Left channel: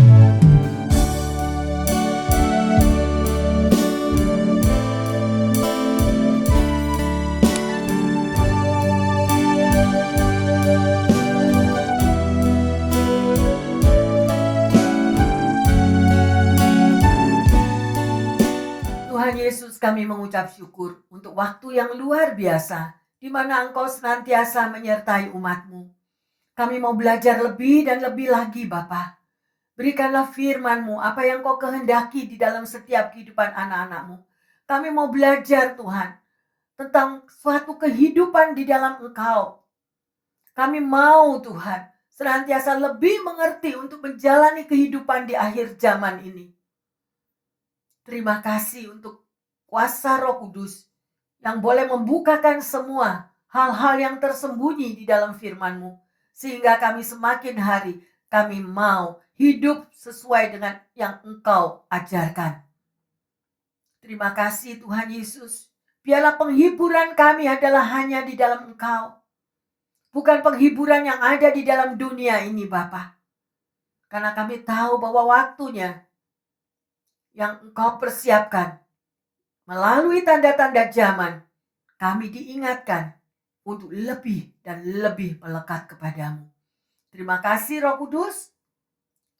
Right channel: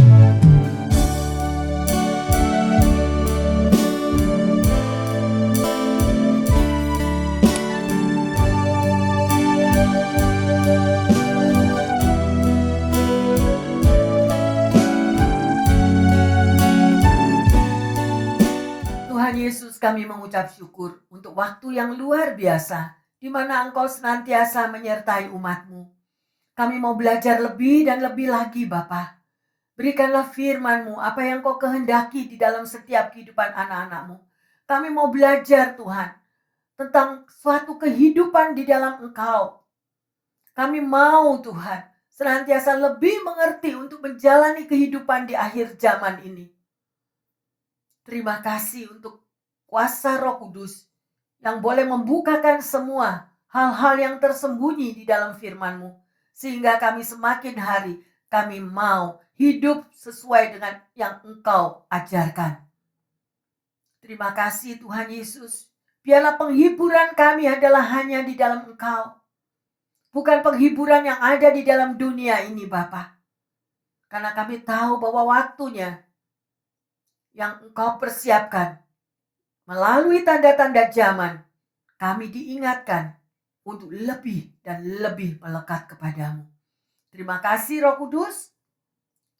Tuhan Yesus, kami mengucap syukur untuk waktu yang luar biasa di mana Engkau senantiasa menyertai umat-Mu. Kami mau belajar lebih dan lebih lagi Bapa. Berikanlah firman-Mu, apa yang Kau kehendaki di dalam setiap kehidupan anak-anak-Mu. Kami mau belajar Tuhan tentang suatu kehidupan di dalam Engkau. Kami mau Tuhan senantiasa lebih mengerti untuk menjalani kehidupan di akhir zaman ini. Terima kasih untuk kuasa Roh Kudus yang boleh membukakan semua hal-hal yang tersembunyi di dalam firman-Mu. Sehingga kami semakin hari kami mau hidup sesuai dengan yang Engkau ajarkan. Terima kasih Tuhan Yesus. Biarlah penghiburan kami adalah hanya di dalam Engkau. Bukan penghiburan yang ada di dalam dunia ini Bapa. Karena kami tahu bahwa waktunya yang Engkau persiapkan melalui tanda-tanda zaman, kami diingatkan untuk lebih dan lebih melekat kepadamu. Terima kasih Roh Kudus,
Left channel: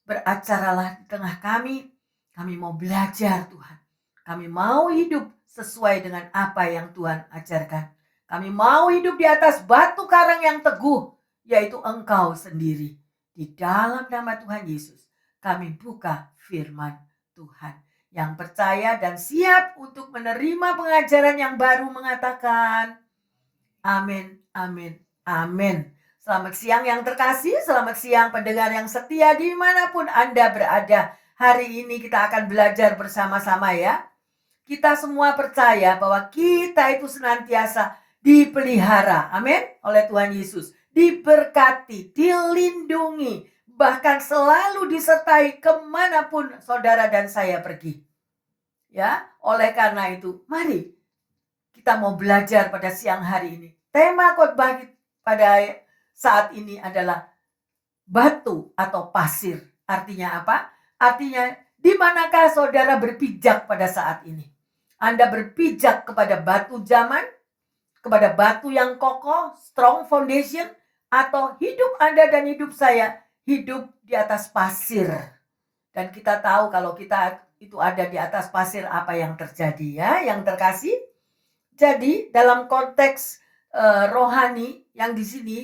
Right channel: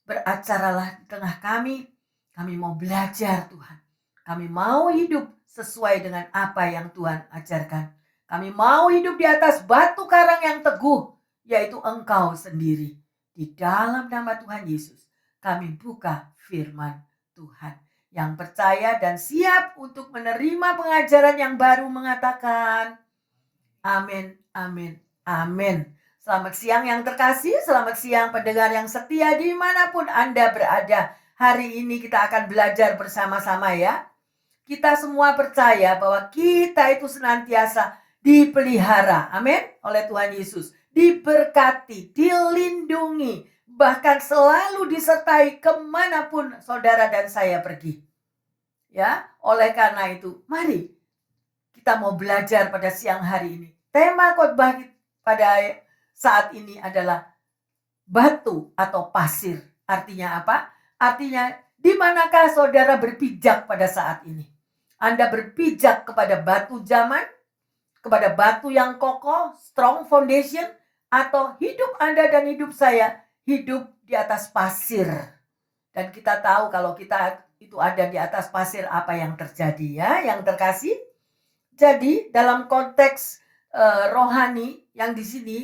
beracaralah di tengah kami. Kami mau belajar Tuhan. Kami mau hidup sesuai dengan apa yang Tuhan ajarkan. Kami mau hidup di atas batu karang yang teguh, yaitu Engkau sendiri. Di dalam nama Tuhan Yesus, kami buka firman Tuhan. Yang percaya dan siap untuk menerima pengajaran yang baru mengatakan, amin, amin, amin. Selamat siang yang terkasih, selamat siang pendengar yang setia dimanapun Anda berada. Hari ini kita akan belajar bersama-sama ya. Kita semua percaya bahwa kita itu senantiasa dipelihara, amin, oleh Tuhan Yesus. Diberkati, dilindungi, bahkan selalu disertai kemanapun saudara dan saya pergi. Ya, oleh karena itu, mari kita mau belajar pada siang hari ini. Tema khotbah pada saat ini adalah batu atau pasir. Artinya apa? Artinya di manakah saudara berpijak pada saat ini? Anda berpijak kepada batu zaman, kepada batu yang kokoh, strong foundation, atau hidup Anda dan hidup saya hidup di atas pasir. Dan kita tahu kalau kita itu ada di atas pasir apa yang terjadi ya, yang terkasih. Jadi dalam konteks rohani yang di sini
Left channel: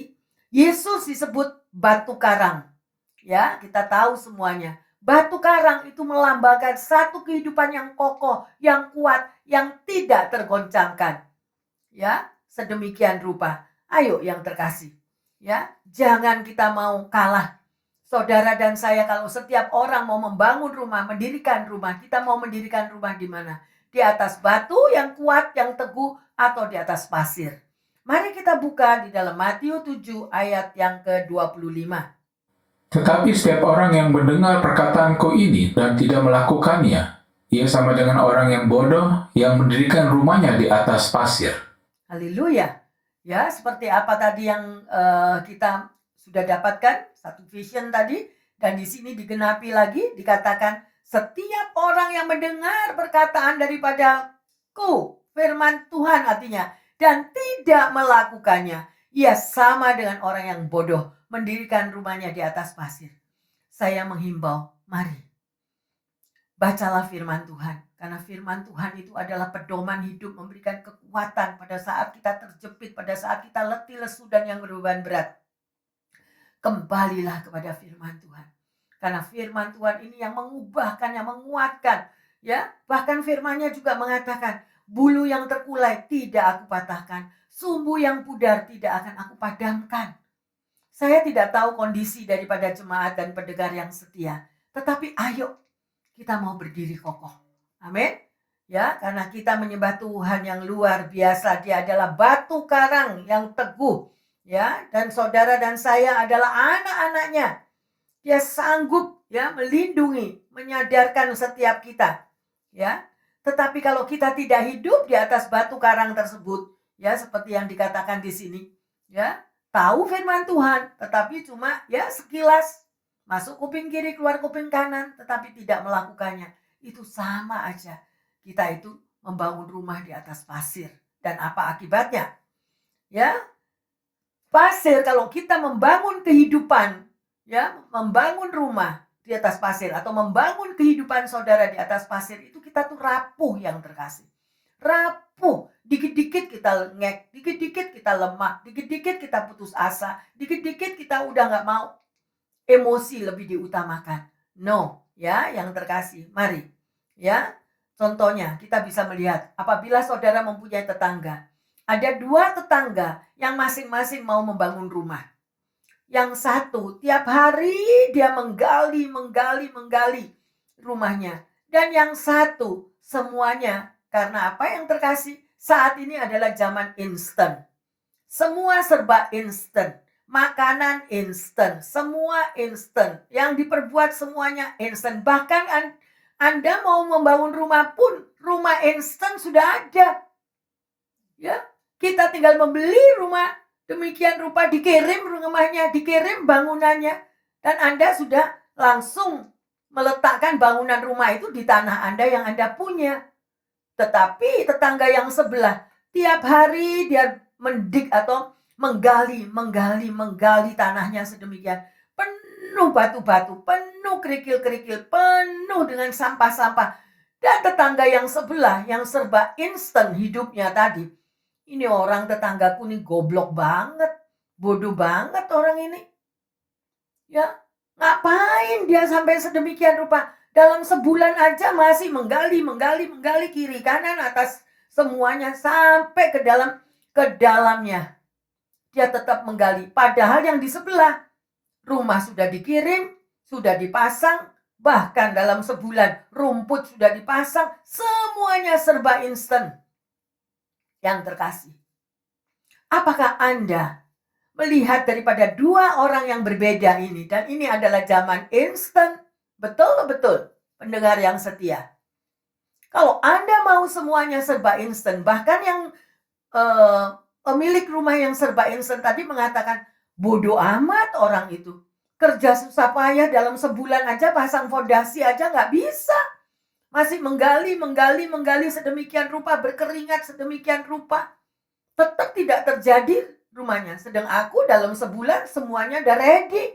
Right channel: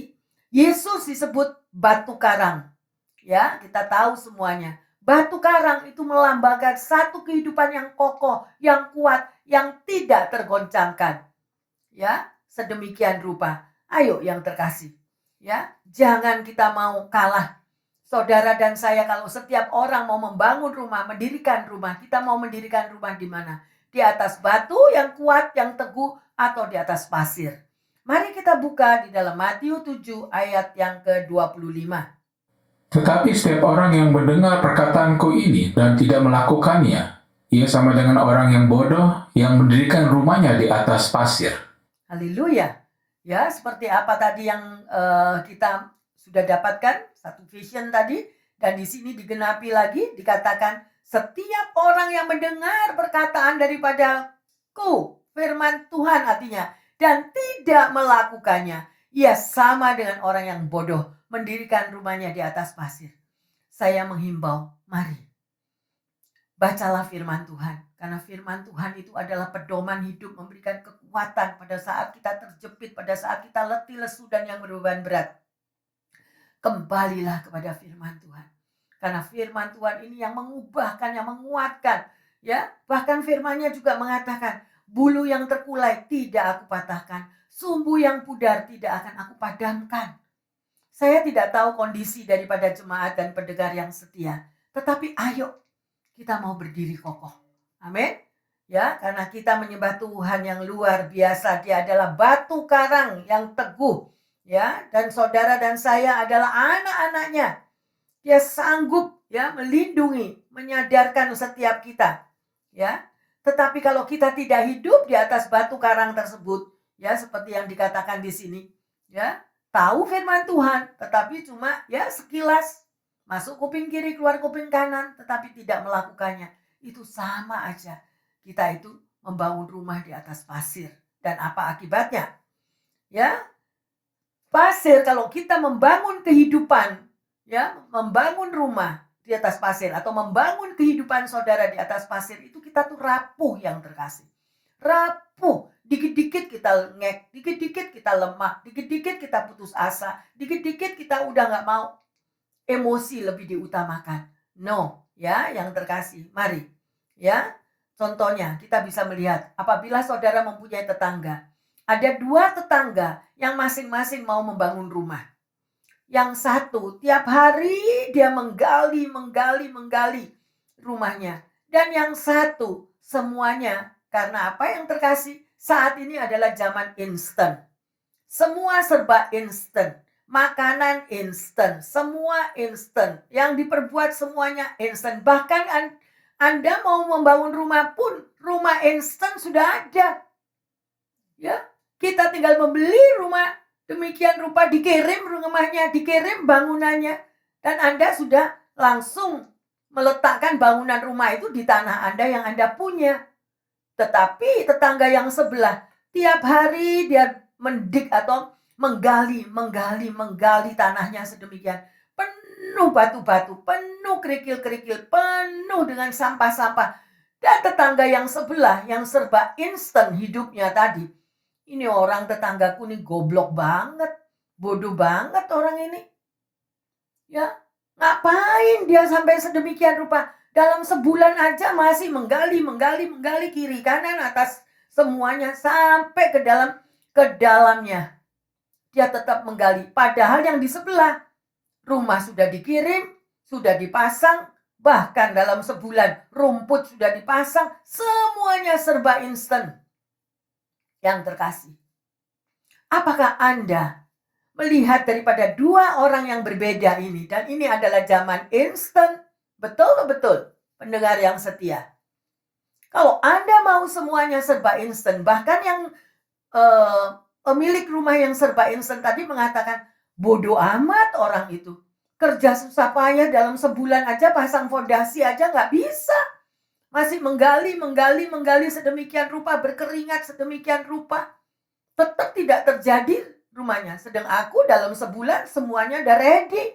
Yesus disebut batu karang. Ya, kita tahu semuanya. Batu karang itu melambangkan satu kehidupan yang kokoh, yang kuat, yang tidak tergoncangkan. Ya, sedemikian rupa. Ayo yang terkasih. Ya, jangan kita mau kalah. Saudara dan saya kalau setiap orang mau membangun rumah, mendirikan rumah, kita mau mendirikan rumah di mana? Di atas batu yang kuat, yang teguh, atau di atas pasir. Mari kita buka di dalam Matius 7 ayat yang ke-25. Tetapi setiap orang yang mendengar perkataanku ini dan tidak melakukannya, ia sama dengan orang yang bodoh yang mendirikan rumahnya di atas pasir. Haleluya. Ya, seperti apa tadi yang kita sudah dapatkan, satu vision tadi, dan di sini digenapi lagi, dikatakan setiap orang yang mendengar perkataan daripadaku, firman Tuhan artinya, dan tidak melakukannya, ia sama dengan orang yang bodoh, mendirikan rumahnya di atas pasir. Saya menghimbau, mari bacalah firman Tuhan. Karena firman Tuhan itu adalah pedoman hidup, memberikan kekuatan pada saat kita terjepit, pada saat kita letih, lesu, dan yang berbeban berat. Kembalilah kepada firman Tuhan. Karena firman Tuhan ini yang mengubahkan, yang menguatkan. Ya, bahkan firman-Nya juga mengatakan, bulu yang terkulai tidak aku patahkan, sumbu yang pudar tidak akan aku padamkan. Saya tidak tahu kondisi daripada jemaat dan pendengar yang setia. Tetapi ayo kita mau berdiri kokoh. Amin. Ya, karena kita menyembah Tuhan yang luar biasa. Dia adalah batu karang yang teguh. Ya, dan saudara dan saya adalah anak-anaknya. Dia sanggup ya melindungi, menyadarkan setiap kita. Ya. Tetapi kalau kita tidak hidup di atas batu karang tersebut, ya seperti yang dikatakan di sini, ya, tahu firman Tuhan, tetapi cuma ya sekilas, Masuk kuping kiri, keluar kuping kanan, tetapi tidak melakukannya. Itu sama aja. Kita itu membangun rumah di atas pasir. Dan apa akibatnya? Ya, pasir, kalau kita membangun kehidupan, ya, membangun rumah di atas pasir atau membangun kehidupan saudara di atas pasir, itu kita tuh rapuh yang terkasih. Rapuh, dikit-dikit kita ngek, dikit-dikit kita lemah, dikit-dikit kita putus asa, dikit-dikit kita udah nggak mau, emosi lebih diutamakan. No, ya, yang terkasih, mari, ya. Contohnya kita bisa melihat apabila saudara mempunyai tetangga, ada 2 tetangga yang masing-masing mau membangun rumah. Yang satu tiap hari dia menggali rumahnya. Dan yang satu semuanya, karena apa yang terkasih? Saat ini adalah zaman instan. Semua serba instan. Makanan instan, semua instan. Yang diperbuat semuanya instan. Bahkan Anda mau membangun rumah pun, rumah instan sudah ada. Ya, kita tinggal membeli rumah, demikian rupa dikirim rumahnya, dikirim bangunannya, dan Anda sudah langsung meletakkan bangunan rumah itu di tanah Anda yang Anda punya. Tetapi tetangga yang sebelah tiap hari dia mendik atau menggali tanahnya sedemikian. Penuh batu-batu, penuh kerikil-kerikil, penuh dengan sampah-sampah. Dan tetangga yang sebelah yang serba instan hidupnya tadi. Ini orang tetanggaku nih goblok banget. Bodoh banget orang ini. Ya, ngapain dia sampai sedemikian rupa? Dalam sebulan aja masih menggali kiri kanan atas semuanya sampai ke dalamnya. Dia tetap menggali. Padahal yang di sebelah rumah sudah dikirim, sudah dipasang, bahkan dalam sebulan rumput sudah dipasang, semuanya serba instan. Yang terkasih, apakah Anda melihat daripada 2 orang yang berbeda ini, dan ini adalah zaman instan, betul-betul pendengar yang setia. Kalau Anda mau semuanya serba instan, bahkan yang pemilik rumah yang serba instan tadi mengatakan, bodoh amat orang itu. Kerja susah payah dalam sebulan aja pasang fondasi aja nggak bisa. Masih menggali sedemikian rupa, berkeringat sedemikian rupa. Tetap tidak terjadi rumahnya. Sedang aku dalam sebulan semuanya udah ready.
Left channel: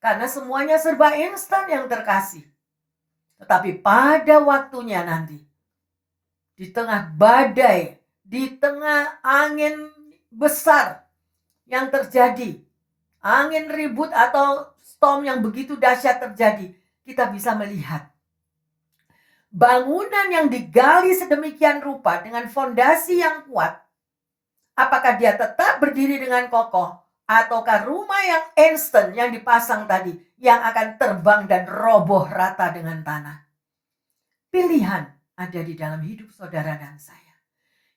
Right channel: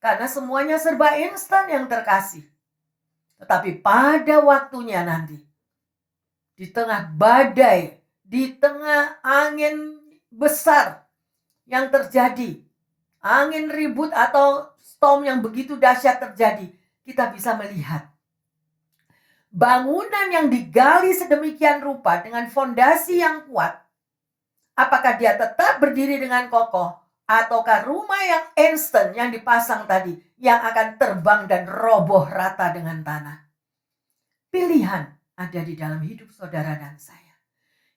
Karena semuanya serba instan yang terkasih. Tetapi pada waktunya nanti, di tengah badai, di tengah angin besar yang terjadi, angin ribut atau storm yang begitu dahsyat terjadi, kita bisa melihat bangunan yang digali sedemikian rupa dengan fondasi yang kuat, apakah dia tetap berdiri dengan kokoh, ataukah rumah yang instan yang dipasang tadi yang akan terbang dan roboh rata dengan tanah. Pilihan ada di dalam hidup saudara dan saya.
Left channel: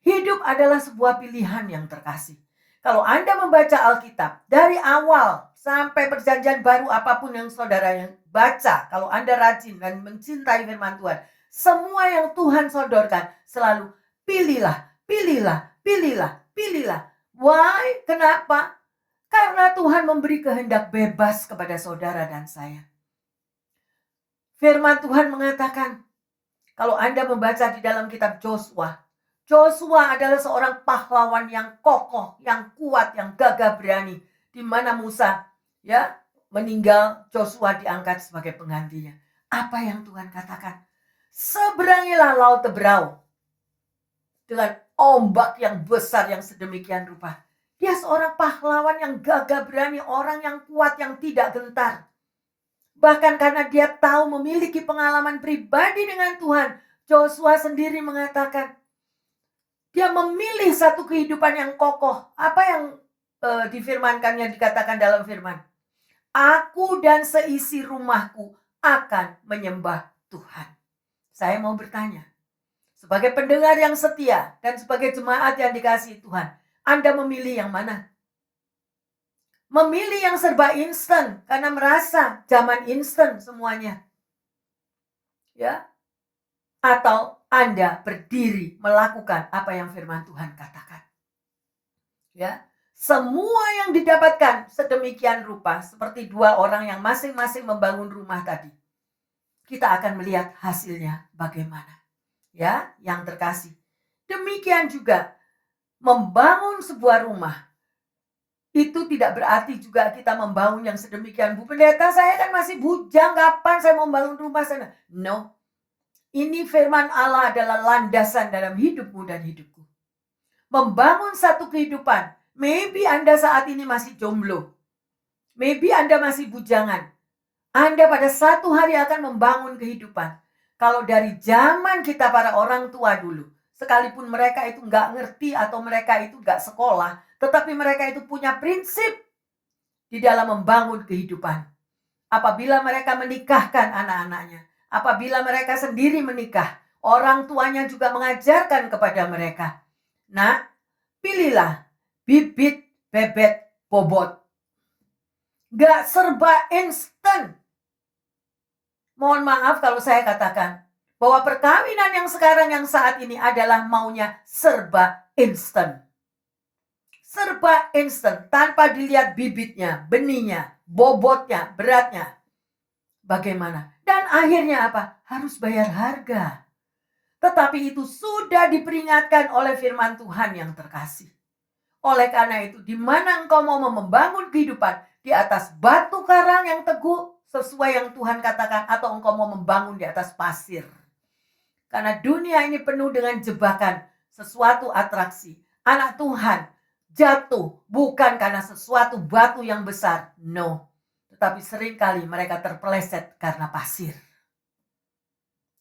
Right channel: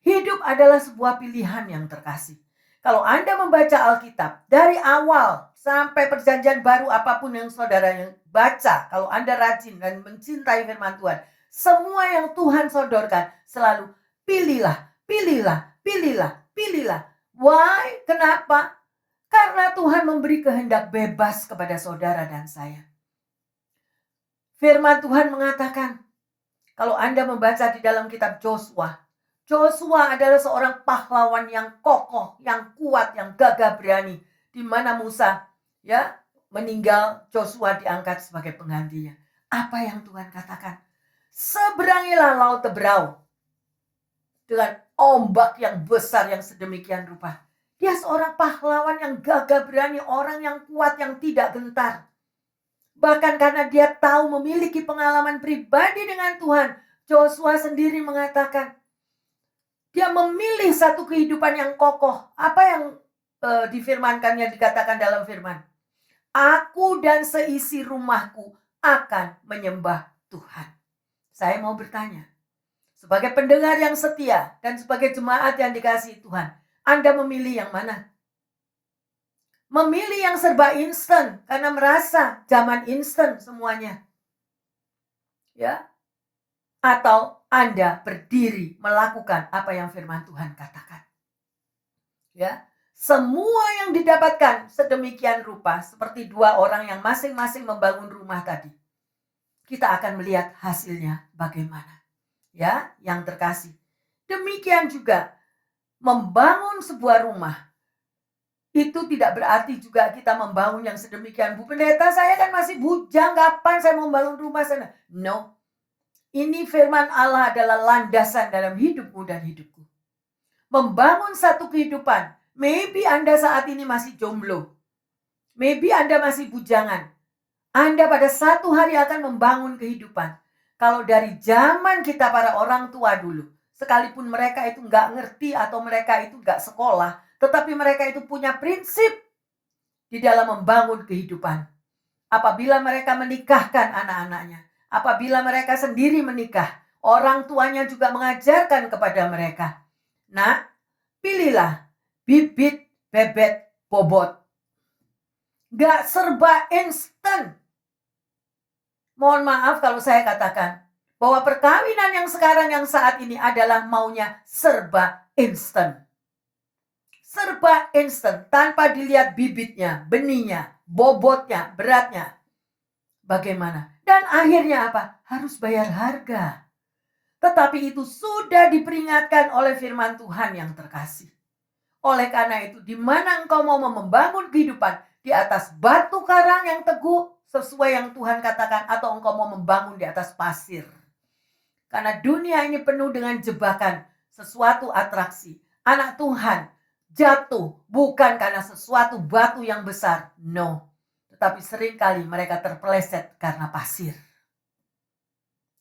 Hidup adalah sebuah pilihan yang terkasih. Kalau Anda membaca Alkitab dari awal sampai perjanjian baru, apapun yang saudara yang baca, kalau Anda rajin dan mencintai firman Tuhan, semua yang Tuhan sodorkan selalu pilihlah. Why? Kenapa? Karena Tuhan memberi kehendak bebas kepada saudara dan saya. Firman Tuhan mengatakan, kalau Anda membaca di dalam kitab Joshua adalah seorang pahlawan yang kokoh, yang kuat, yang gagah berani. Di mana Musa ya meninggal, Joshua diangkat sebagai penggantinya. Apa yang Tuhan katakan? Seberangilah laut Teberau dengan ombak yang besar yang sedemikian rupa. Dia seorang pahlawan yang gagah berani, orang yang kuat, yang tidak gentar. Bahkan karena dia tahu memiliki pengalaman pribadi dengan Tuhan, Joshua sendiri mengatakan, dia memilih satu kehidupan yang kokoh. Apa yang difirmankannya, dikatakan dalam firman? Aku dan seisi rumahku akan menyembah Tuhan. Saya mau bertanya, sebagai pendengar yang setia dan sebagai jemaat yang dikasihi Tuhan, Anda memilih yang mana? Memilih yang serba instan karena merasa zaman instan semuanya. Ya. Atau Anda berdiri melakukan apa yang firman Tuhan katakan. Ya. Semua yang didapatkan sedemikian rupa seperti dua orang yang masing-masing membangun rumah tadi. Kita akan melihat hasilnya bagaimana. Ya, yang terkasih. Demikian juga membangun sebuah rumah. Itu tidak berarti juga kita membangun yang sedemikian. Bu Pendeta, saya kan masih bujang, kapan saya mau membangun rumah sana? No. Ini firman Allah adalah landasan dalam hidupmu dan hidupku. Membangun satu kehidupan. Maybe Anda saat ini masih jomblo. Maybe Anda masih bujangan. Anda pada satu hari akan membangun kehidupan. Kalau dari zaman kita para orang tua dulu, sekalipun mereka itu nggak ngerti atau mereka itu nggak sekolah, tetapi mereka itu punya prinsip di dalam membangun kehidupan. Apabila mereka menikahkan anak-anaknya, apabila mereka sendiri menikah, orang tuanya juga mengajarkan kepada mereka. Nak, pilihlah bibit, bebet, bobot. Gak serba instan. Mohon maaf kalau saya katakan bahwa perkawinan yang sekarang yang saat ini adalah maunya serba instan. Serba instan tanpa dilihat bibitnya, benihnya, bobotnya, beratnya. Bagaimana? Dan akhirnya apa? Harus bayar harga. Tetapi itu sudah diperingatkan oleh firman Tuhan yang terkasih. Oleh karena itu, di mana engkau mau membangun kehidupan di atas batu karang yang teguh sesuai yang Tuhan katakan, atau engkau mau membangun di atas pasir. Karena dunia ini penuh dengan jebakan, sesuatu atraksi. Anak Tuhan jatuh bukan karena sesuatu batu yang besar, no. Tetapi seringkali mereka terpeleset karena pasir.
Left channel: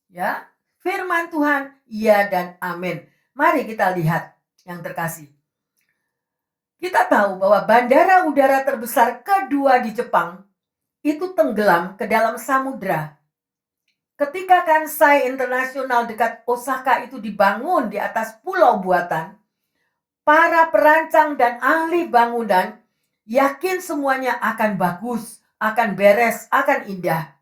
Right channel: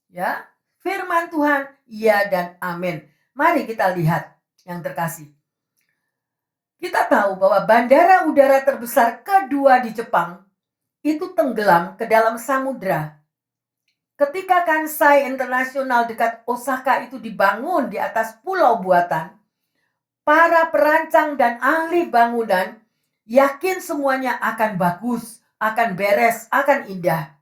Ya, firman Tuhan, ya dan amin. Mari kita lihat yang terkasih. Kita tahu bahwa bandara udara terbesar kedua di Jepang itu tenggelam ke dalam samudra. Ketika Kansai Internasional dekat Osaka itu dibangun di atas pulau buatan, para perancang dan ahli bangunan yakin semuanya akan bagus, akan beres, akan indah.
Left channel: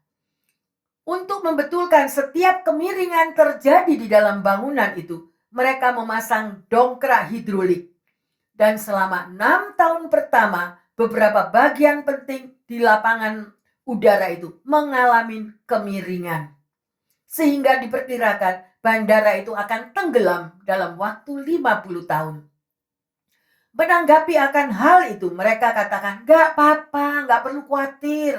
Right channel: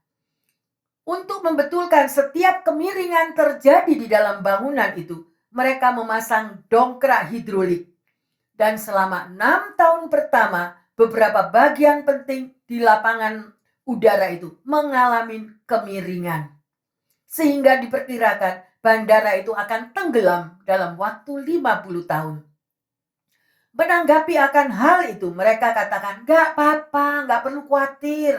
Untuk membetulkan setiap kemiringan terjadi di dalam bangunan itu, mereka memasang dongkrak hidrolik. Dan selama 6 tahun pertama, beberapa bagian penting di lapangan udara itu mengalami kemiringan. Sehingga diperkirakan bandara itu akan tenggelam dalam waktu 50 tahun. Menanggapi akan hal itu, mereka katakan, gak apa-apa, gak perlu khawatir.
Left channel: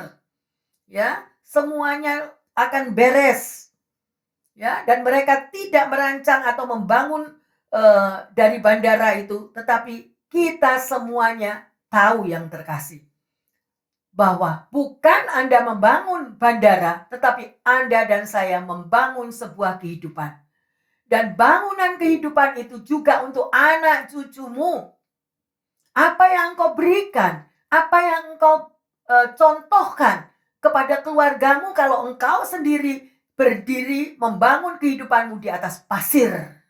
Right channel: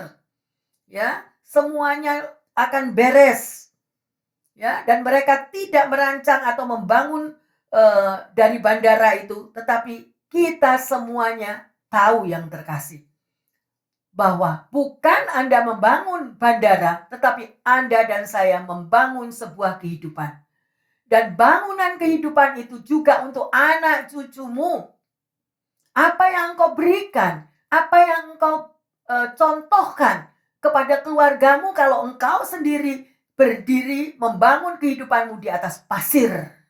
Ya, semuanya akan beres. Ya, dan mereka tidak merancang atau membangun dari bandara itu, tetapi kita semuanya tahu yang terkasih. Bahwa bukan Anda membangun bandara, tetapi Anda dan saya membangun sebuah kehidupan. Dan bangunan kehidupan itu juga untuk anak cucumu. Apa yang engkau berikan, apa yang engkau contohkan kepada keluargamu kalau engkau sendiri berdiri membangun kehidupanmu di atas pasir.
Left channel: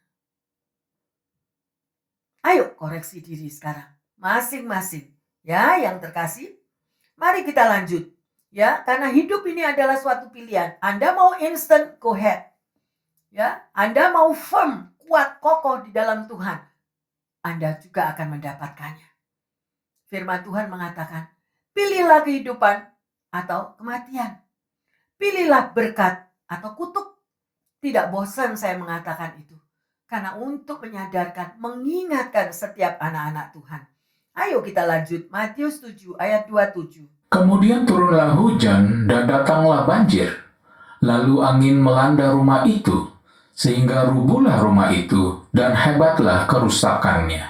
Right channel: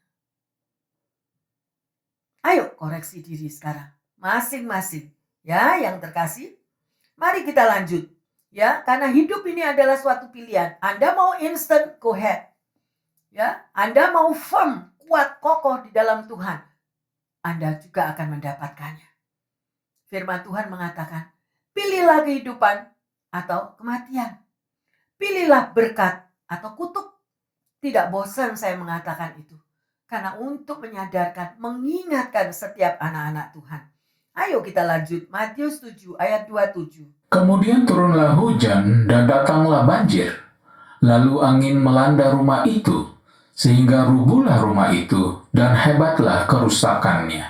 Ayo koreksi diri sekarang, masing-masing. Ya, yang terkasih. Mari kita lanjut. Ya, karena hidup ini adalah suatu pilihan. Anda mau instant, go ahead. Ya, Anda mau firm, kuat, kokoh di dalam Tuhan, Anda juga akan mendapatkannya. Firman Tuhan mengatakan, pilihlah kehidupan atau kematian. Pilihlah berkat atau kutuk. Tidak bosan saya mengatakan itu. Karena untuk menyadarkan, mengingatkan setiap anak-anak Tuhan. Ayo kita lanjut, Matius 7 ayat 27. Kemudian turunlah hujan dan datanglah banjir. Lalu angin melanda rumah itu, sehingga rubuhlah rumah itu dan hebatlah kerusakannya.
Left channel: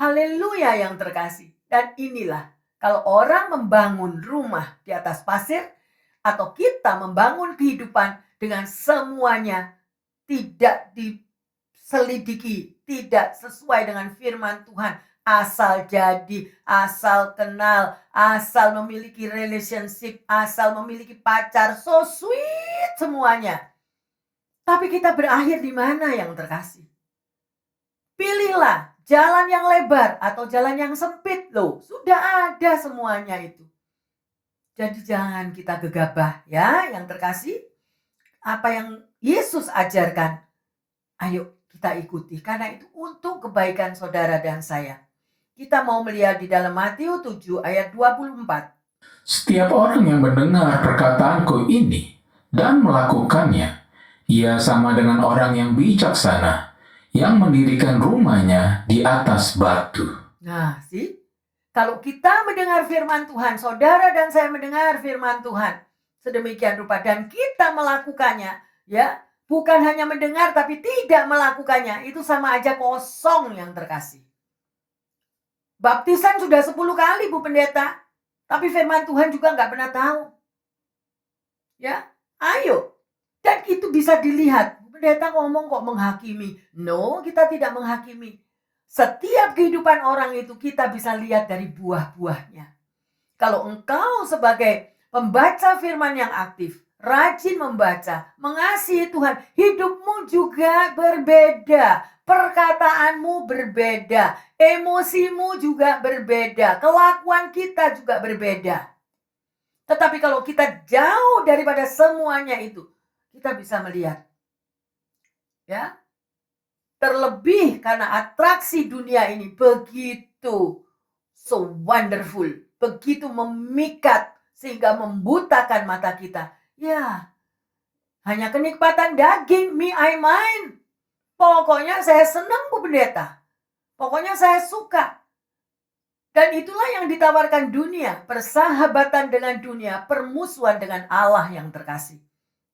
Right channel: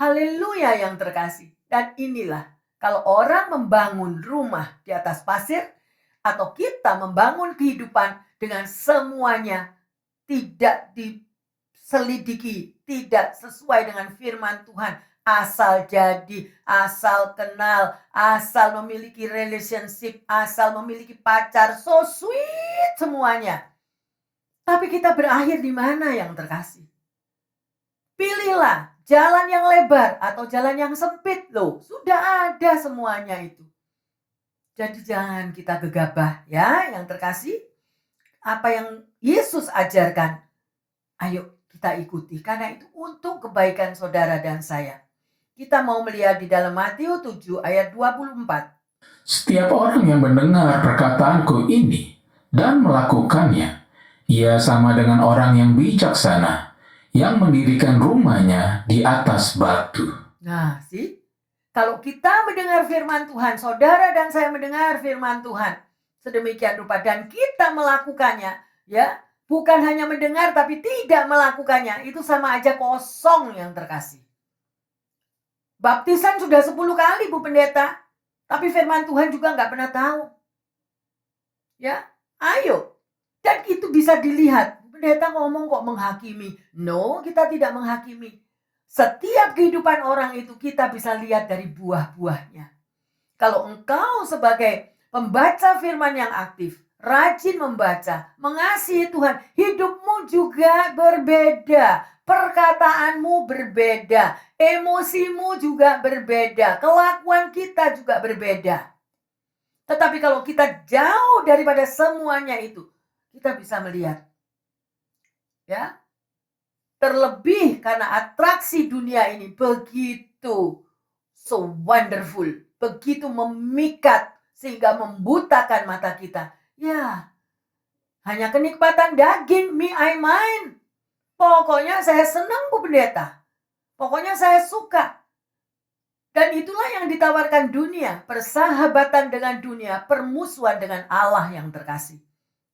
Haleluya yang terkasih. Dan inilah, kalau orang membangun rumah di atas pasir, atau kita membangun kehidupan dengan semuanya tidak diselidiki, tidak sesuai dengan firman Tuhan, asal jadi, asal kenal, asal memiliki relationship, asal memiliki pacar, so sweet semuanya. Tapi kita berakhir di mana yang terkasih? Pilihlah jalan yang lebar atau jalan yang sempit loh. Sudah ada semuanya itu. Jadi jangan kita gegabah ya yang terkasih. Apa yang Yesus ajarkan, ayo kita ikuti. Karena itu untuk kebaikan saudara dan saya. Kita mau melihat di dalam Matius 7 ayat 24. Setiap orang yang mendengar perkataanku ini dan melakukannya, ia sama dengan orang yang bijaksana yang mendirikan rumahnya di atas batu. Nah, kalau kita mendengar firman Tuhan, saudara dan saya mendengar firman Tuhan, sedemikian rupa dan kita melakukannya, ya, bukan hanya mendengar tapi tidak melakukannya, itu sama aja kosong yang terkasih. Baptisan sudah 10 kali Bu Pendeta, tapi firman Tuhan juga nggak pernah tahu. Ya, ayo. Dan itu bisa dilihat. Bu Pendeta ngomong kok menghakimi. No, kita tidak menghakimi. Setiap kehidupan orang itu kita bisa lihat dari buah-buahnya. Kalau engkau sebagai pembaca firman yang aktif, rajin membaca, mengasihi Tuhan, hidupmu juga berbeda. Perkataanmu berbeda, emosimu juga berbeda, kelakuan kita juga berbeda. Tetapi kalau kita jauh daripada semuanya itu, kita bisa melihat, ya, terlebih karena atraksi dunia ini begitu so wonderful, begitu memikat sehingga membutakan mata kita. Ya, hanya kenikmatan daging, me I mine. Pokoknya saya senang Bu Pendeta. Pokoknya saya suka. Dan itulah yang ditawarkan dunia, persahabatan dengan dunia, permusuhan dengan Allah yang terkasih.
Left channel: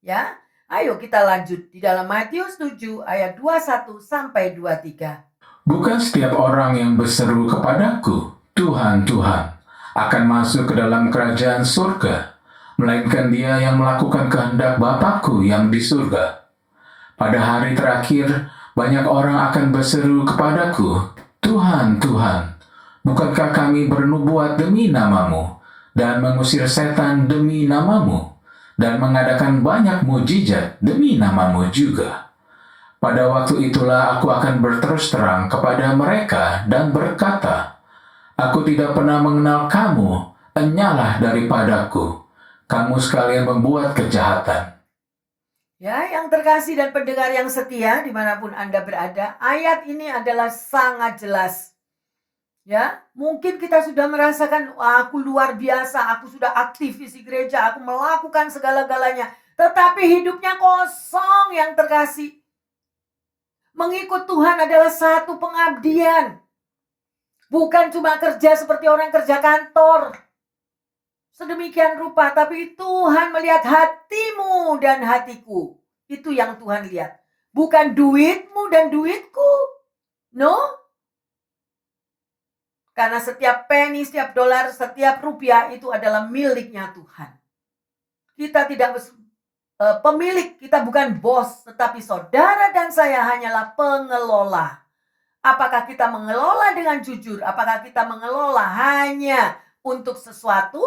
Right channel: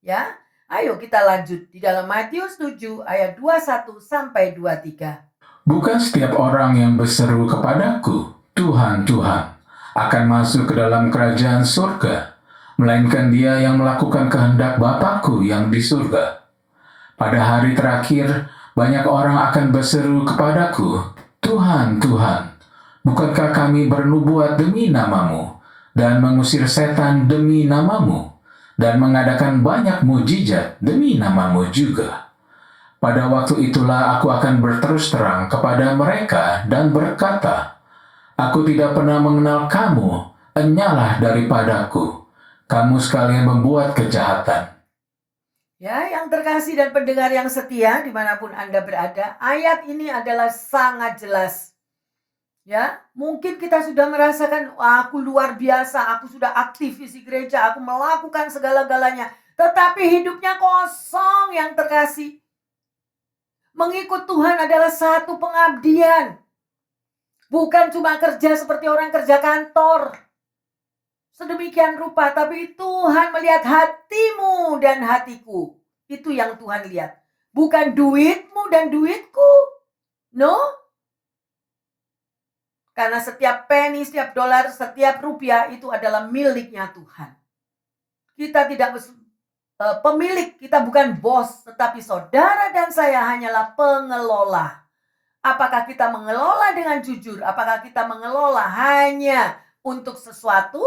Ya, ayo kita lanjut di dalam Matius 7 ayat 21 sampai 23. Bukan setiap orang yang berseru kepadaku, Tuhan, Tuhan, akan masuk ke dalam kerajaan surga, melainkan dia yang melakukan kehendak Bapakku yang di surga. Pada hari terakhir, banyak orang akan berseru kepadaku, Tuhan, Tuhan, bukankah kami bernubuat demi namamu, dan mengusir setan demi namamu, dan mengadakan banyak mujizat demi namamu juga. Pada waktu itulah aku akan berterus terang kepada mereka dan berkata, aku tidak pernah mengenal kamu, enyalah daripadaku, kamu sekalian membuat kejahatan. Ya, yang terkasih dan pendengar yang setia dimanapun Anda berada, ayat ini adalah sangat jelas. Ya, mungkin kita sudah merasakan, aku luar biasa, aku sudah aktif isi gereja, aku melakukan segala-galanya. Tetapi hidupnya kosong yang terkasih. Mengikut Tuhan adalah satu pengabdian. Bukan cuma kerja seperti orang kerja kantor. Sedemikian rupa, tapi Tuhan melihat hatimu dan hatiku. Itu yang Tuhan lihat. Bukan duitmu dan duitku. No. Karena setiap penny, setiap dolar, setiap rupiah itu adalah miliknya Tuhan. Kita tidak pemilik, kita bukan bos, tetapi saudara dan saya hanyalah pengelola. Apakah kita mengelola dengan jujur? Apakah kita mengelola hanya untuk sesuatu,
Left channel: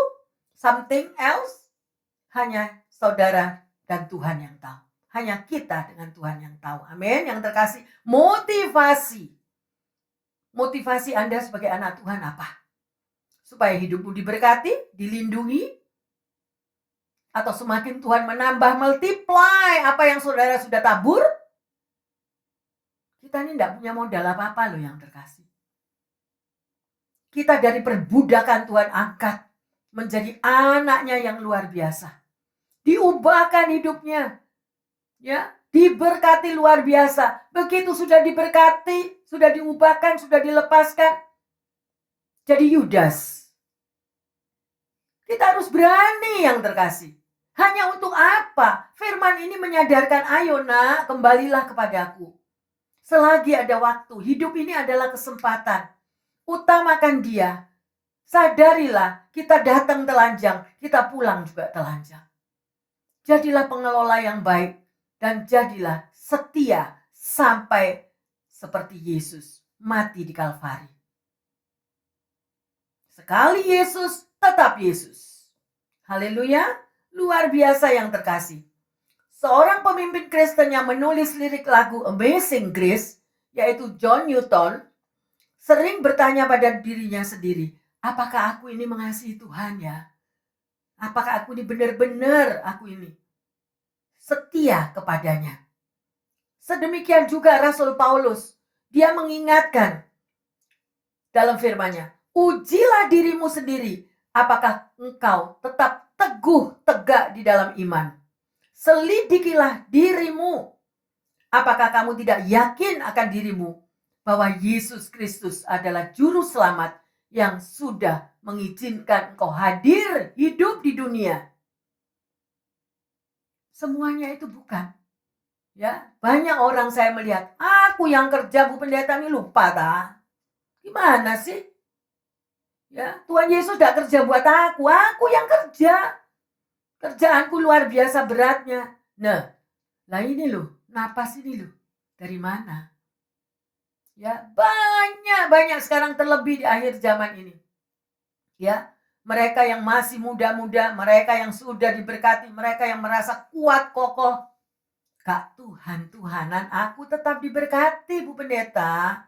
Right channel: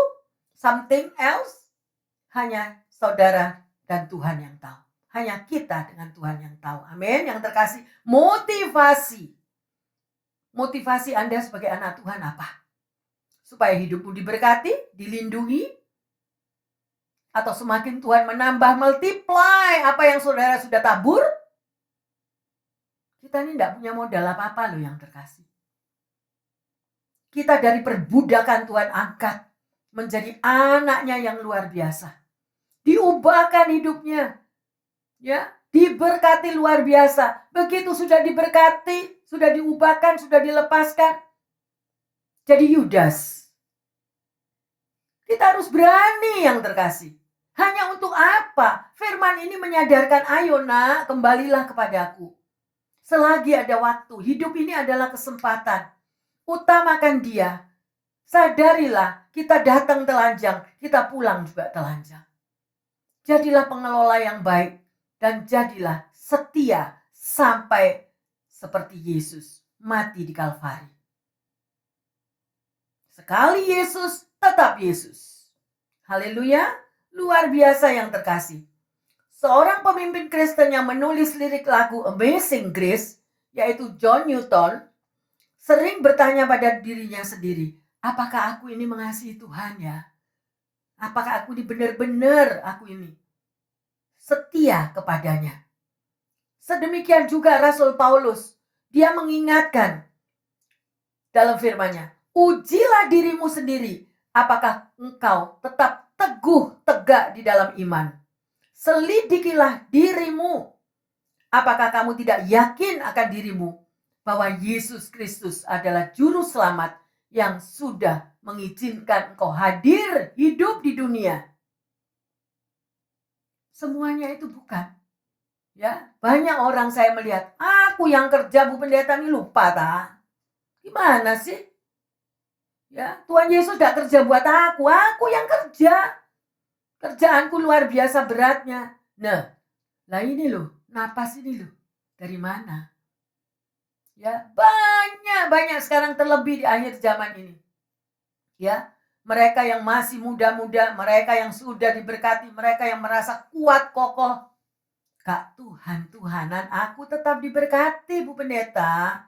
something else? Hanya saudara dan Tuhan yang tahu. Hanya kita dengan Tuhan yang tahu. Amin. Yang terkasih, motivasi. Motivasi Anda sebagai anak Tuhan apa? Supaya hidupmu diberkati, dilindungi, atau semakin Tuhan menambah multiply apa yang saudara sudah tabur? Kita ini tidak punya modal apa-apa loh yang terkasih. Kita dari perbudakan Tuhan angkat menjadi anaknya yang luar biasa. Diubahkan hidupnya. Ya, diberkati luar biasa. Begitu sudah diberkati, sudah diubahkan, sudah dilepaskan. Jadi Yudas. Kita harus berani yang terkasih. Hanya untuk apa? Firman ini menyadarkan, ayo nak, kembalilah kepadaku. Selagi ada waktu, hidup ini adalah kesempatan. Utamakan dia. Sadarilah, kita datang telanjang, kita pulang juga telanjang. Jadilah pengelola yang baik dan jadilah setia sampai seperti Yesus mati di Kalvari. Sekali Yesus, tetap Yesus. Haleluya, luar biasa yang terkasih. Seorang pemimpin Kristen yang menulis lirik lagu Amazing Grace, yaitu John Newton, sering bertanya pada dirinya sendiri, apakah aku ini mengasihi Tuhan ya? Apakah aku ini benar-benar aku ini setia kepadanya? Sedemikian juga Rasul Paulus, dia mengingatkan, dalam firman-Nya. Ujilah dirimu sendiri, apakah engkau tetap teguh tegak di dalam iman. Selidikilah dirimu, apakah kamu tidak yakin akan dirimu bahwa Yesus Kristus adalah juru selamat yang sudah mengizinkan engkau hadir hidup di dunia. Semuanya itu bukan. Ya, banyak orang saya melihat, aku yang kerja Bu Pendeta ini lupa ta. Gimana sih? Ya, Tuhan Yesus gak kerja buat aku yang kerja. Kerjaanku luar biasa beratnya. Nah, lah ini loh, napas ini loh. Dari mana? Ya, banyak sekarang terlebih di akhir zaman ini. Ya, mereka yang masih muda-muda, mereka yang sudah diberkati, mereka yang merasa kuat kokoh. Kak, Tuhan-Tuhanan aku tetap diberkati Bu Pendeta.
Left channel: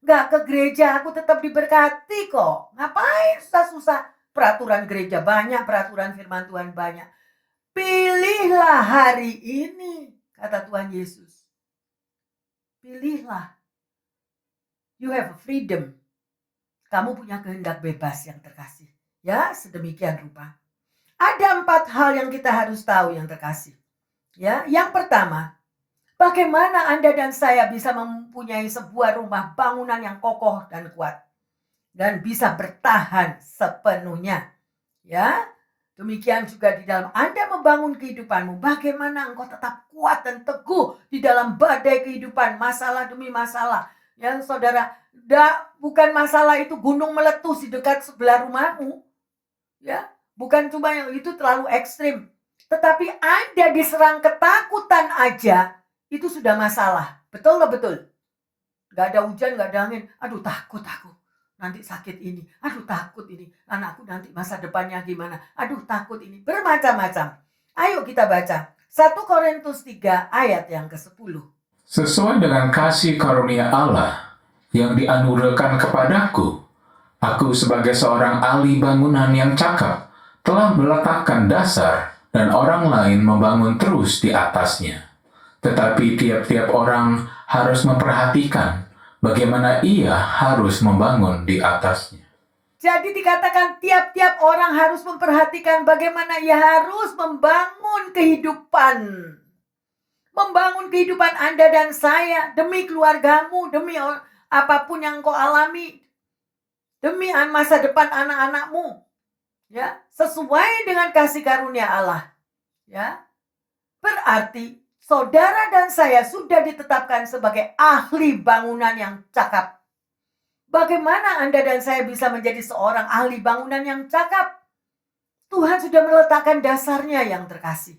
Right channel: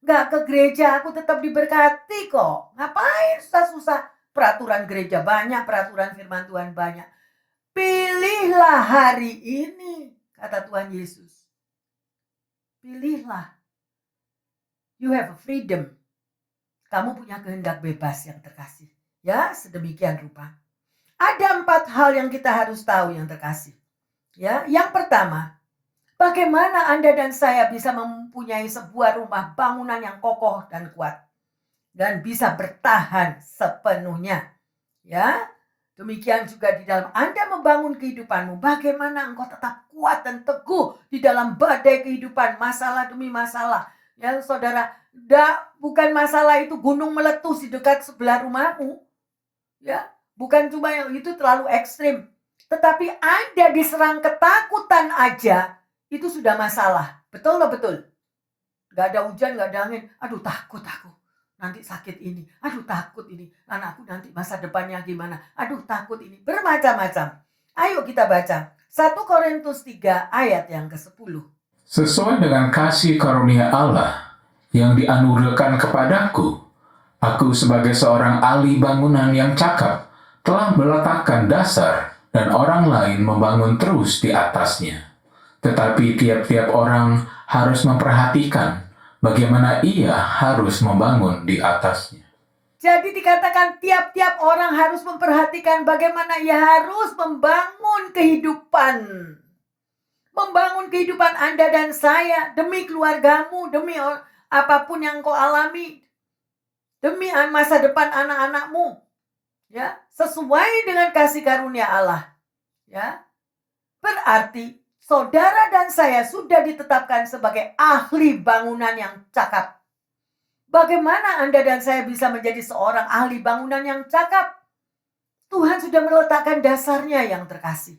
Gak ke gereja aku tetap diberkati kok. Ngapain susah-susah? Peraturan gereja banyak, peraturan firman Tuhan banyak. Pilihlah hari ini, kata Tuhan Yesus. Pilihlah. You have a freedom. Kamu punya kehendak bebas yang terkasih. Ya, sedemikian rupa. Ada 4 hal yang kita harus tahu yang terkasih. Ya, yang pertama, bagaimana Anda dan saya bisa mempunyai sebuah rumah bangunan yang kokoh dan kuat dan bisa bertahan sepenuhnya. Ya, demikian juga di dalam Anda membangun kehidupanmu, bagaimana engkau tetap kuat dan teguh di dalam badai kehidupan, masalah demi masalah. Ya, saudara, bukan masalah itu gunung meletus di dekat sebelah rumahmu. Ya, bukan cuma yang itu terlalu ekstrim. Tetapi Anda diserang ketakutan aja, itu sudah masalah. Betul loh, betul. Gak ada hujan, gak ada angin. Aduh, takut aku. Nanti sakit ini. Aduh, takut ini. Anakku nanti masa depannya gimana. Aduh, takut ini. Bermacam-macam. Ayo kita baca. 1 Korintus 3 ayat yang ke-10. Sesuai dengan kasih karunia Allah yang dianugerahkan kepadaku, aku sebagai seorang ahli bangunan yang cakap telah meletakkan dasar dan orang lain membangun terus di atasnya. Tetapi tiap-tiap orang harus memperhatikan bagaimana ia harus membangun di atasnya. Jadi dikatakan tiap-tiap orang harus memperhatikan bagaimana ia harus membangun kehidupan. Membangun kehidupan Anda dan saya demi keluargamu, demi apapun yang kau alami, demi masa depan anak-anakmu. Ya, sesuai dengan kasih karunia Allah. Ya. Berarti saudara dan saya sudah ditetapkan sebagai ahli bangunan yang cakap. Bagaimana Anda dan saya bisa menjadi seorang ahli bangunan yang cakap? Tuhan sudah meletakkan dasarnya yang terkasih.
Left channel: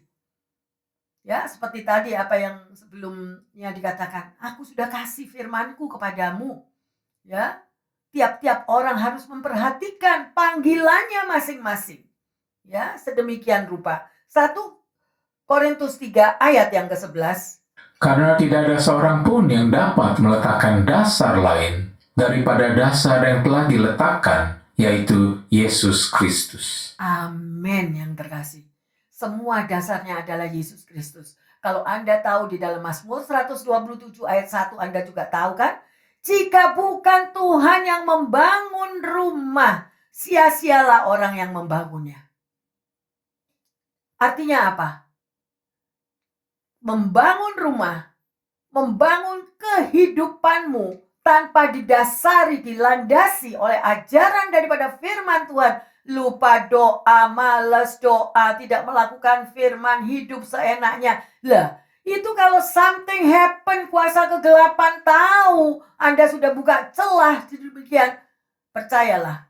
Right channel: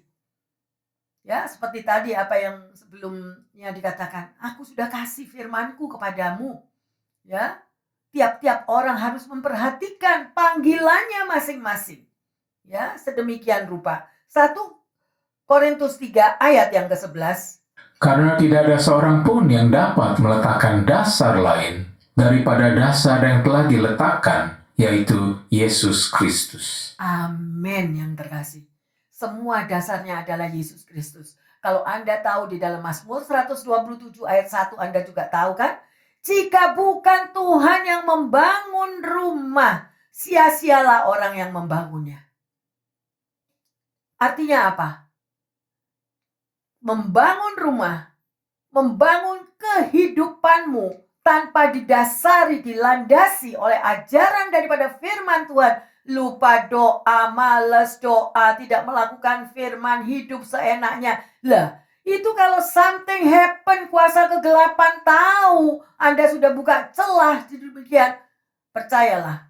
Ya, seperti tadi apa yang sebelumnya dikatakan, aku sudah kasih firmanku kepadamu. Ya, tiap-tiap orang harus memperhatikan panggilannya masing-masing. Ya, sedemikian rupa. 1 Korintus 3 ayat yang ke-11. Karena tidak ada seorang pun yang dapat meletakkan dasar lain daripada dasar yang telah diletakkan, yaitu Yesus Kristus. Amin yang terkasih. Semua dasarnya adalah Yesus Kristus. Kalau Anda tahu di dalam Mazmur 127 ayat 1 Anda juga tahu kan? Jika bukan Tuhan yang membangun rumah, sia-sialah orang yang membangunnya. Artinya apa? Membangun rumah, membangun kehidupanmu tanpa didasari, dilandasi oleh ajaran daripada firman Tuhan. Lupa doa, malas doa, tidak melakukan firman, hidup seenaknya. Lah, itu kalau something happen, kuasa kegelapan tahu Anda sudah buka celah demikian. Percayalah,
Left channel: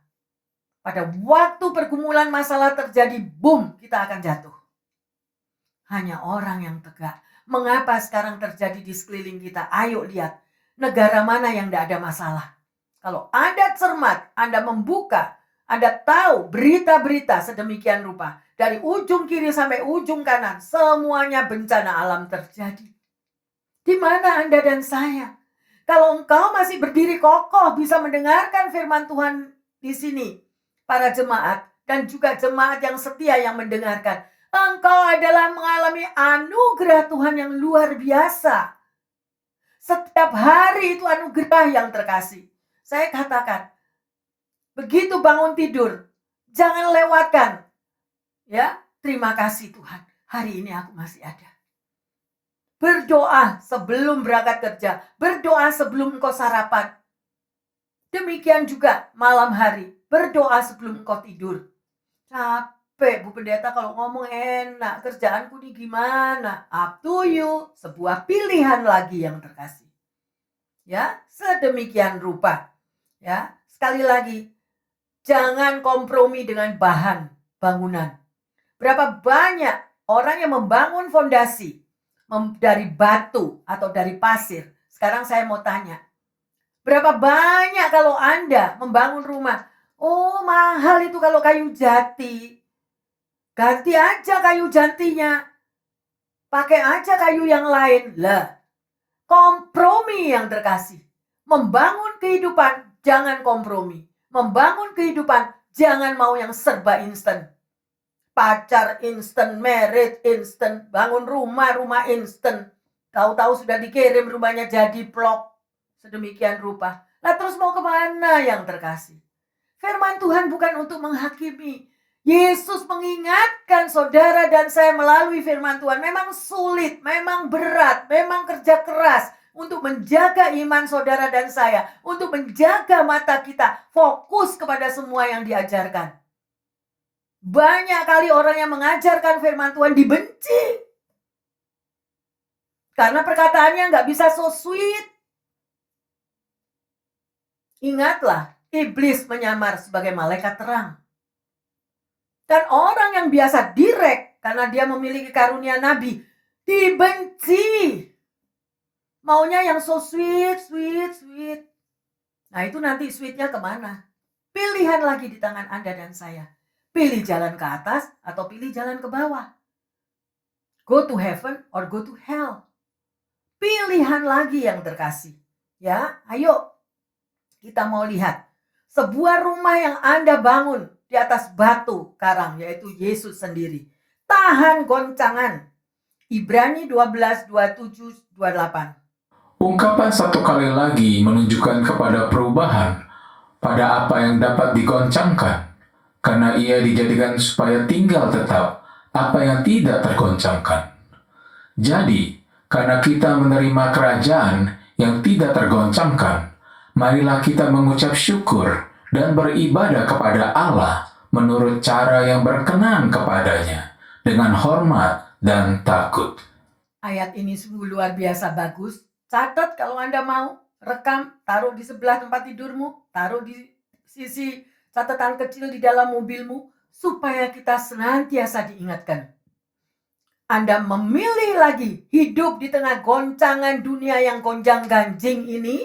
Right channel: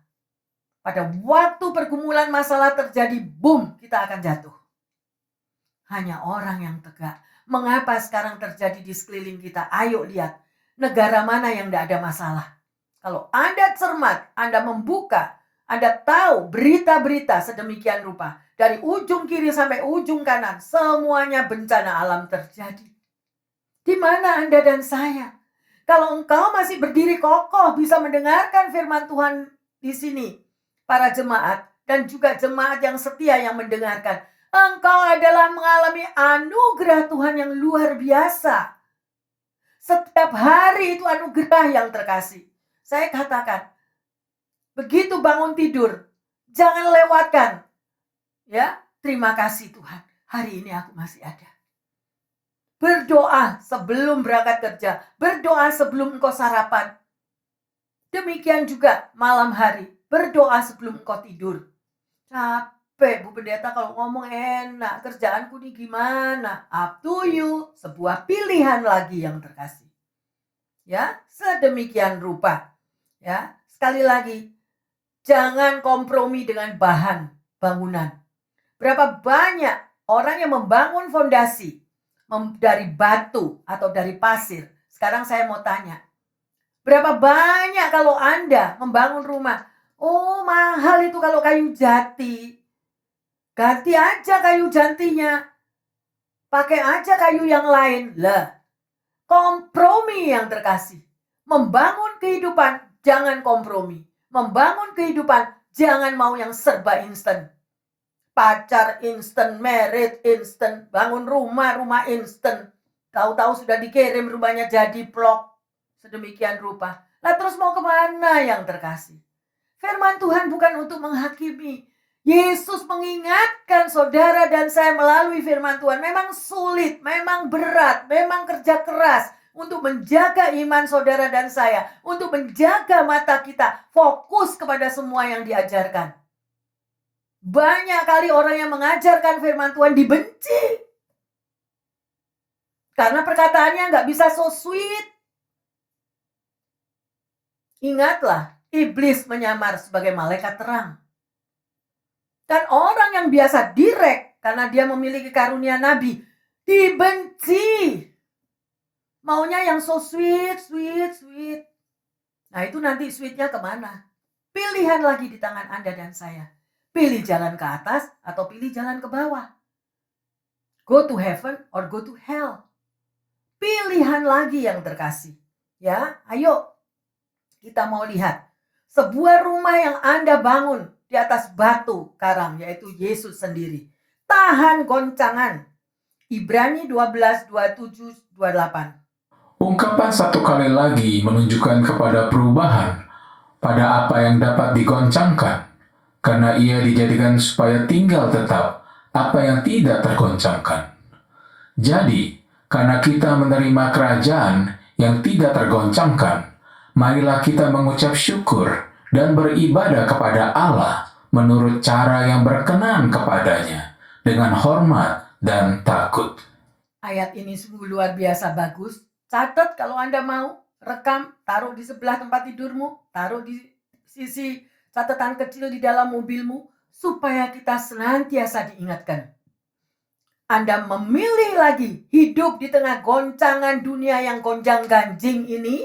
pada waktu pergumulan masalah terjadi, boom, kita akan jatuh. Hanya orang yang tegak. Mengapa sekarang terjadi di sekeliling kita? Ayo lihat, negara mana yang tidak ada masalah. Kalau Anda cermat, Anda membuka, Anda tahu berita-berita sedemikian rupa. Dari ujung kiri sampai ujung kanan, semuanya bencana alam terjadi. Di mana Anda dan saya? Kalau engkau masih berdiri kokoh bisa mendengarkan firman Tuhan di sini, para jemaat dan juga jemaat yang setia yang mendengarkan, engkau adalah mengalami anugerah Tuhan yang luar biasa. Setiap hari itu anugerah yang terkasih. Saya katakan, Begitu bangun tidur, jangan lewatkan. Ya, terima kasih Tuhan, hari ini aku masih ada. Berdoa sebelum berangkat kerja, berdoa sebelum engkau sarapan. Demikian juga malam hari, berdoa sebelum engkau tidur. Capek Bu Pendeta kalau ngomong enak, kerjaanku nih gimana? Up to you, sebuah pilihan lagi yang terkasih. Ya, sedemikian rupa. Ya, sekali lagi, jangan kompromi dengan bahan bangunan. Berapa banyak orang yang membangun fondasi dari batu atau dari pasir. Sekarang saya mau tanya, berapa banyak kalau Anda membangun rumah? Oh, mahal itu kalau kayu jati. Ganti aja kayu jatinya. Pakai aja kayu yang lain. Lah, kompromi yang terkasih. Membangun kehidupan, jangan kompromi. Membangun kehidupan, jangan mau yang serba instan. Pacar instan, married instan, bangun rumah instan. Tahu-tahu sudah dikirim rumahnya jadi plok. Sedemikian rupa. Lah terus mau kemana yang terkasih? Firman Tuhan bukan untuk menghakimi. Yesus mengingatkan saudara dan saya melalui firman Tuhan. Memang sulit, memang berat, memang kerja keras untuk menjaga iman saudara dan saya. Untuk menjaga mata kita fokus kepada semua yang diajarkan. Banyak kali orang yang mengajarkan firman Tuhan dibenci. Karena perkataannya nggak bisa so sweet. Ingatlah, iblis menyamar sebagai malaikat terang. Dan orang yang biasa direct karena dia memiliki karunia nabi, dibenci. Maunya yang so sweet, sweet, sweet. Nah itu nanti sweetnya kemana? Pilihan lagi di tangan Anda dan saya. Pilih jalan ke atas atau pilih jalan ke bawah. Go to heaven or go to hell. Pilihan lagi yang terkasih. Ya, ayo kita mau lihat. Sebuah rumah yang Anda bangun di atas batu karang, yaitu Yesus sendiri. Tahan goncangan. Ibrani 12, 27, 28. Ungkapan satu kali lagi menunjukkan kepada perubahan pada apa yang dapat digoncangkan, karena ia dijadikan supaya tinggal tetap apa yang tidak tergoncangkan. Jadi, karena kita menerima kerajaan yang tidak tergoncangkan, marilah kita mengucap syukur dan beribadah kepada Allah menurut cara yang berkenan kepadanya, dengan hormat dan takut. Ayat ini sungguh luar biasa bagus. Catat kalau Anda mau, rekam, taruh di sebelah tempat tidurmu, taruh di sisi catatan kecil di dalam mobilmu, supaya kita senantiasa diingatkan. Anda memilih lagi hidup di tengah goncangan dunia yang gonjang-ganjing ini.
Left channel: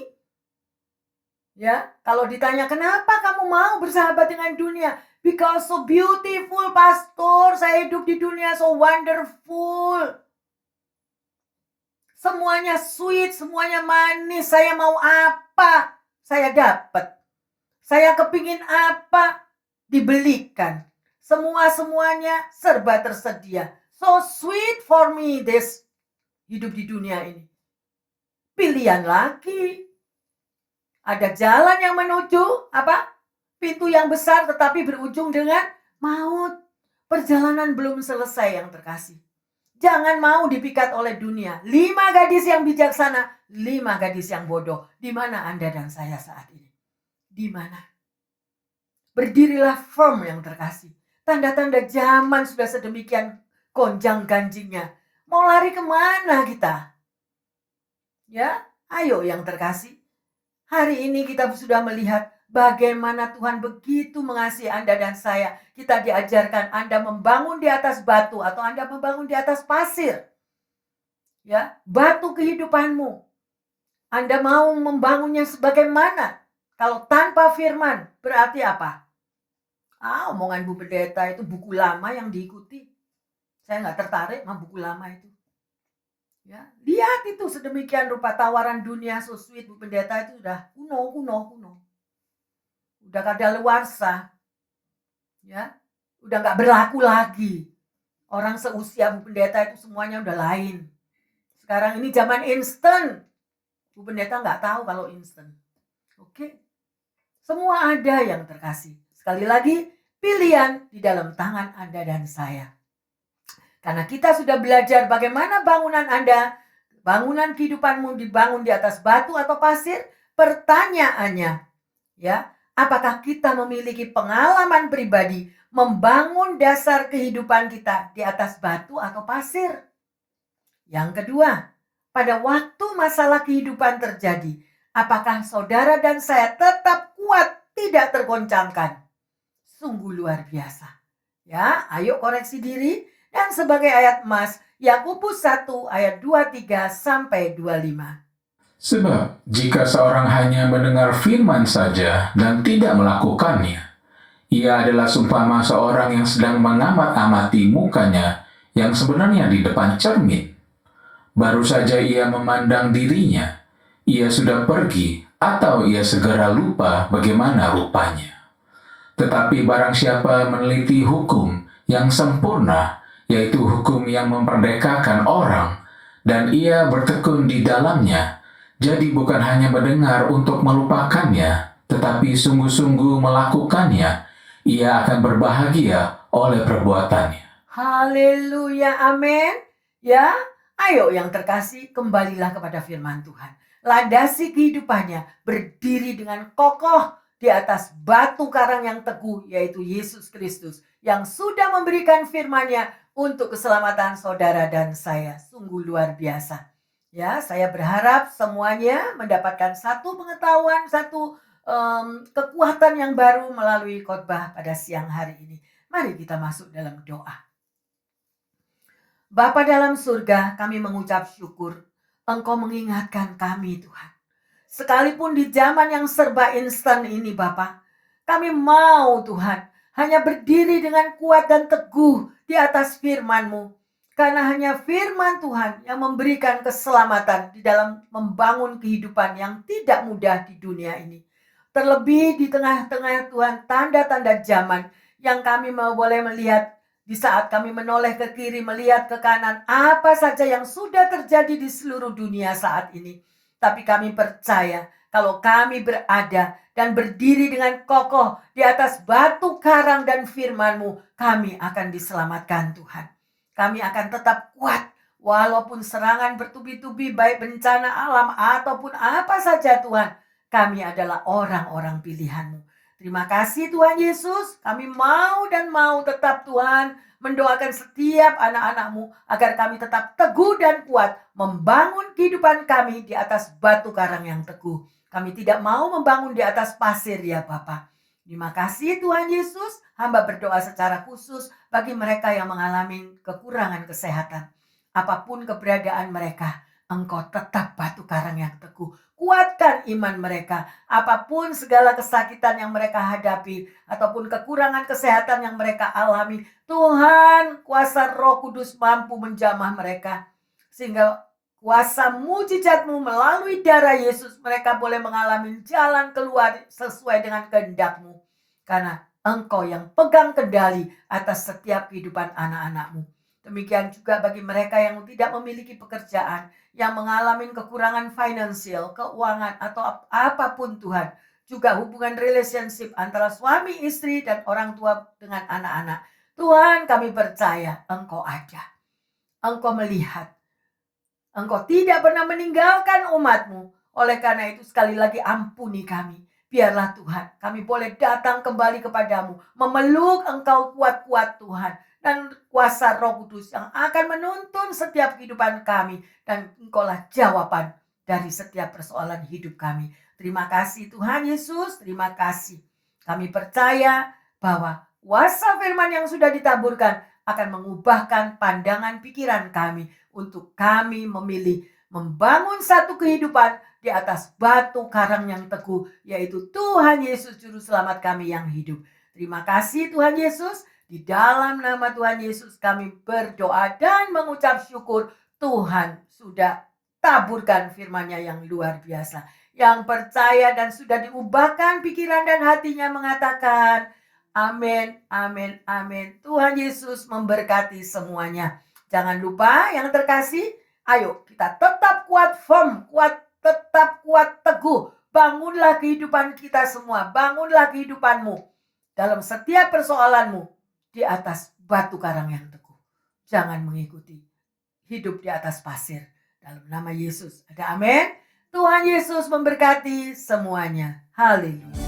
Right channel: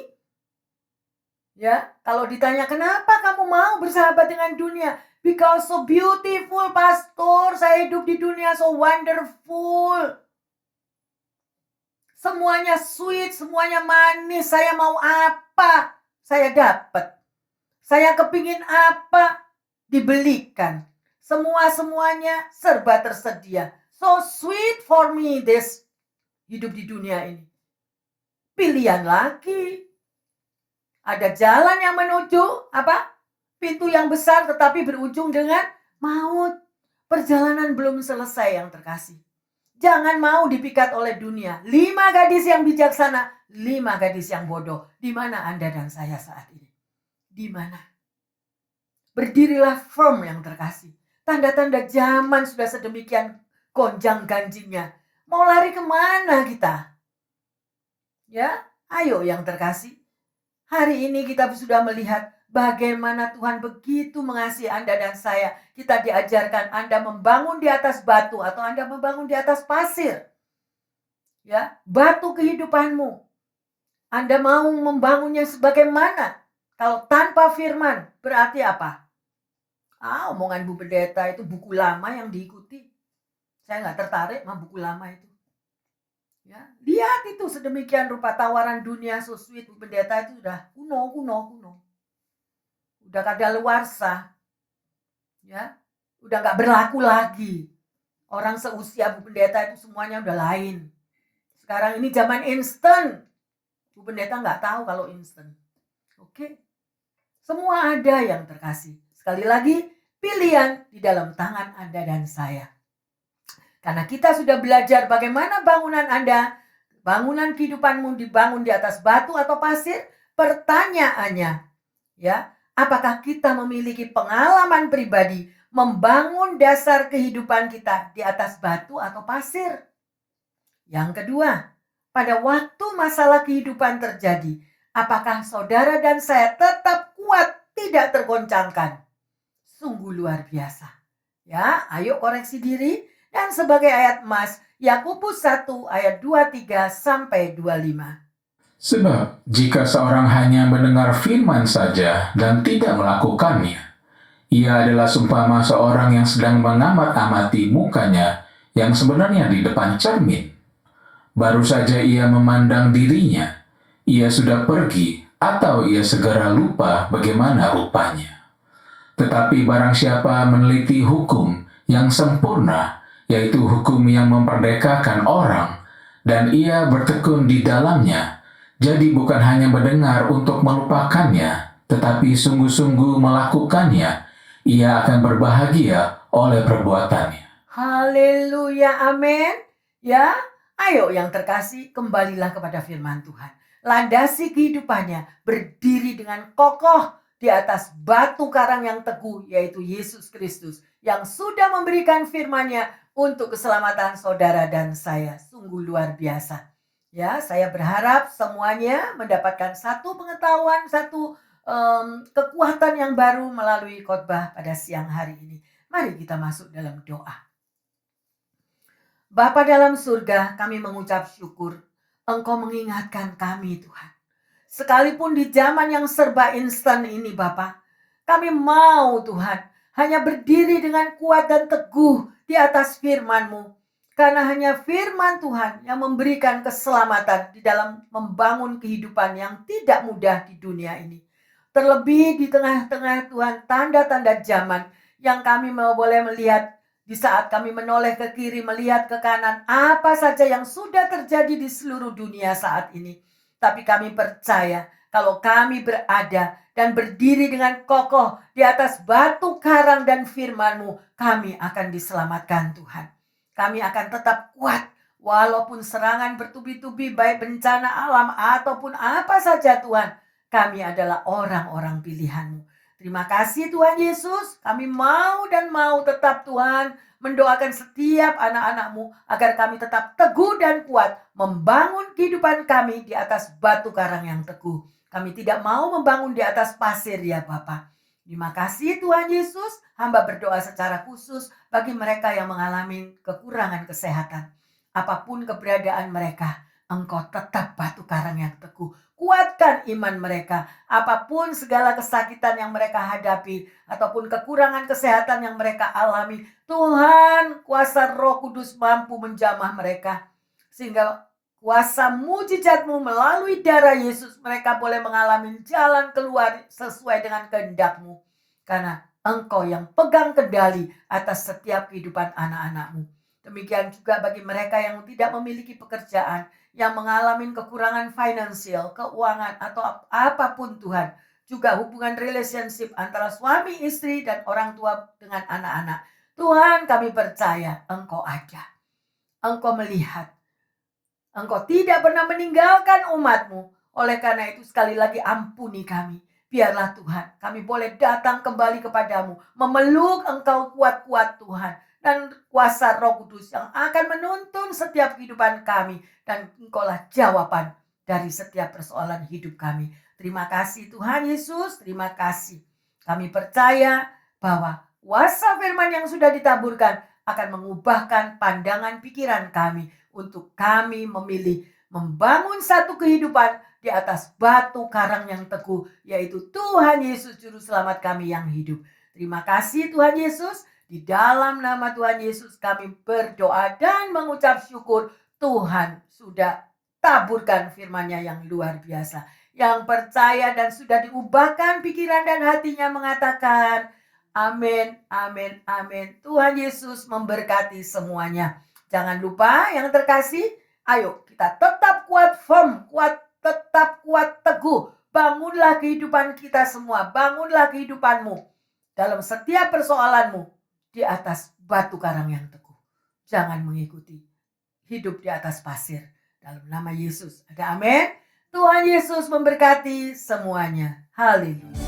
Ya, kalau ditanya kenapa kamu mau bersahabat dengan dunia? Because so beautiful, pastor. Saya hidup di dunia so wonderful. Semuanya sweet, semuanya manis. Saya mau apa? Saya dapat. Saya kepingin apa? Dibelikan. Semuanya serba tersedia. So sweet for me this hidup di dunia ini. Pilihan lagi. Ada jalan yang menuju apa? Pintu yang besar tetapi berujung dengan maut. Perjalanan belum selesai yang terkasih. Jangan mau dipikat oleh dunia. 5 gadis yang bijaksana, 5 gadis yang bodoh. Di mana Anda dan saya saat ini? Di mana? Berdirilah firm yang terkasih. Tanda-tanda zaman sudah sedemikian gonjang ganjingnya. Mau lari kemana kita? Ya, ayo yang terkasih. Hari ini kita sudah melihat bagaimana Tuhan begitu mengasihi Anda dan saya. Kita diajarkan Anda membangun di atas batu atau Anda membangun di atas pasir. Ya, batu kehidupanmu. Anda mau membangunnya sebagaimana? Kalau tanpa firman, berarti apa? Omongan Bu Pendeta itu buku lama yang diikuti. Saya nggak tertarik sama buku lama itu. Ya, lihat itu sedemikian rupa tawaran dunia so sweet Bu Pendeta itu udah kuno. Udah kadaluarsa. Ya, udah nggak berlaku lagi. Orang seusia Bu Pendeta itu semuanya udah lain. Sekarang ini zaman instan. Bu Pendeta nggak tahu kalau instan. Oke. Semua ada yang terkasih. Sekali lagi, pilihan di dalam tangan Anda dan saya. Karena kita sudah belajar bagaimana bangunan kehidupanmu dibangun di atas batu atau pasir, pertanyaannya, ya, apakah kita memiliki pengalaman pribadi membangun dasar kehidupan kita di atas batu atau pasir? Yang kedua, pada waktu masalah kehidupan terjadi, apakah saudara dan saya tetap kuat, tidak tergoncangkan? Sungguh luar biasa. Ya, ayo koreksi diri. Dan sebagai ayat emas, Yakobus 1 ayat 23 sampai 25. Sebab jika seorang hanya mendengar firman saja dan tidak melakukannya, ia adalah seumpama seorang yang sedang mengamat-amati mukanya yang sebenarnya di depan cermin. Baru saja ia memandang dirinya, ia sudah pergi atau ia segera lupa bagaimana rupanya. Tetapi barang siapa meneliti hukum yang sempurna, yaitu hukum yang memperdekakan orang, dan ia bertekun di dalamnya, jadi bukan hanya mendengar untuk melupakannya, tetapi sungguh-sungguh melakukannya, ia akan berbahagia oleh perbuatannya. Haleluya, amin. Ya, ayo yang terkasih, kembalilah kepada firman Tuhan. Landasi kehidupannya, berdiri dengan kokoh di atas batu karang yang teguh, yaitu Yesus Kristus, yang sudah memberikan firman-Nya untuk keselamatan saudara dan saya. Sungguh luar biasa. Ya, saya berharap semuanya mendapatkan satu pengetahuan, satu kekuatan yang baru melalui khotbah pada siang hari ini. Mari kita masuk dalam doa. Bapa dalam surga, kami mengucap syukur Engkau mengingatkan kami Tuhan. Sekalipun di zaman yang serba instan ini Bapa, kami mau Tuhan hanya berdiri dengan kuat dan teguh di atas firman-Mu. Karena hanya firman Tuhan yang memberikan keselamatan di dalam membangun kehidupan yang tidak mudah di dunia ini. Terlebih di tengah-tengah Tuhan tanda-tanda zaman yang kami mau boleh melihat di saat kami menoleh ke kiri melihat ke kanan apa saja yang sudah terjadi di seluruh dunia saat ini. Tapi kami percaya kalau kami berada dan berdiri dengan kokoh di atas batu karang dan firman-Mu, kami akan diselamatkan Tuhan. Kami akan tetap kuat walaupun serangan bertubi-tubi baik bencana alam ataupun apa saja Tuhan. Kami adalah orang-orang pilihan-Mu. Terima kasih Tuhan Yesus. Kami mau dan mau tetap Tuhan mendoakan setiap anak-anak-Mu agar kami tetap teguh dan kuat membangun kehidupan kami di atas batu karang yang teguh. Kami tidak mau membangun di atas pasir ya Bapa. Terima kasih Tuhan Yesus. Hamba berdoa secara khusus bagi mereka yang mengalami kekurangan kesehatan. Apapun keberadaan mereka, Engkau tetap batu karang yang teguh. Kuatkan iman mereka. Apapun segala kesakitan yang mereka hadapi ataupun kekurangan kesehatan yang mereka alami, Tuhan, kuasa Roh Kudus mampu menjamah mereka. Sehingga kuasa mujizat-Mu melalui darah Yesus mereka boleh mengalami jalan keluar sesuai dengan kehendak-Mu. Karena Engkau yang pegang kendali atas setiap kehidupan anak-anak-Mu. Demikian juga bagi mereka yang tidak memiliki pekerjaan, yang mengalami kekurangan finansial, keuangan atau apapun Tuhan. Juga hubungan relationship antara suami, istri dan orang tua dengan anak-anak. Tuhan kami percaya Engkau ada. Engkau melihat. Engkau tidak pernah meninggalkan umat-Mu. Oleh karena itu sekali lagi ampuni kami. Biarlah Tuhan kami boleh datang kembali kepadamu. Memeluk Engkau kuat-kuat Tuhan. Dan kuasa Roh Kudus yang akan menuntun setiap kehidupan kami. Dan Engkaulah jawaban dari setiap persoalan hidup kami. Terima kasih Tuhan Yesus. Terima kasih. Kami percaya bahwa kuasa firman yang sudah ditaburkan akan mengubahkan pandangan pikiran kami untuk kami memilih membangun satu kehidupan di atas batu karang yang teguh, yaitu Tuhan Yesus Juru Selamat kami yang hidup. Terima kasih Tuhan Yesus. Di dalam nama Tuhan Yesus kami berdoa dan mengucap syukur. Tuhan sudah taburkan firman-Nya yang luar biasa. Yang percaya dan sudah diubahkan pikiran dan hatinya mengatakan, amin, amin, amin. Tuhan Yesus memberkati semuanya. Jangan lupa yang terkasih, ayo kita tetap kuat firm, tetap kuat teguh. Bangunlah kehidupan kita semua, bangunlah kehidupanmu dalam setiap persoalanmu di atas batu karang yang teguh. Jangan mengikuti hidup di atas pasir. Dalam nama Yesus ada amin. Tuhan Yesus memberkati semuanya. Haleluya.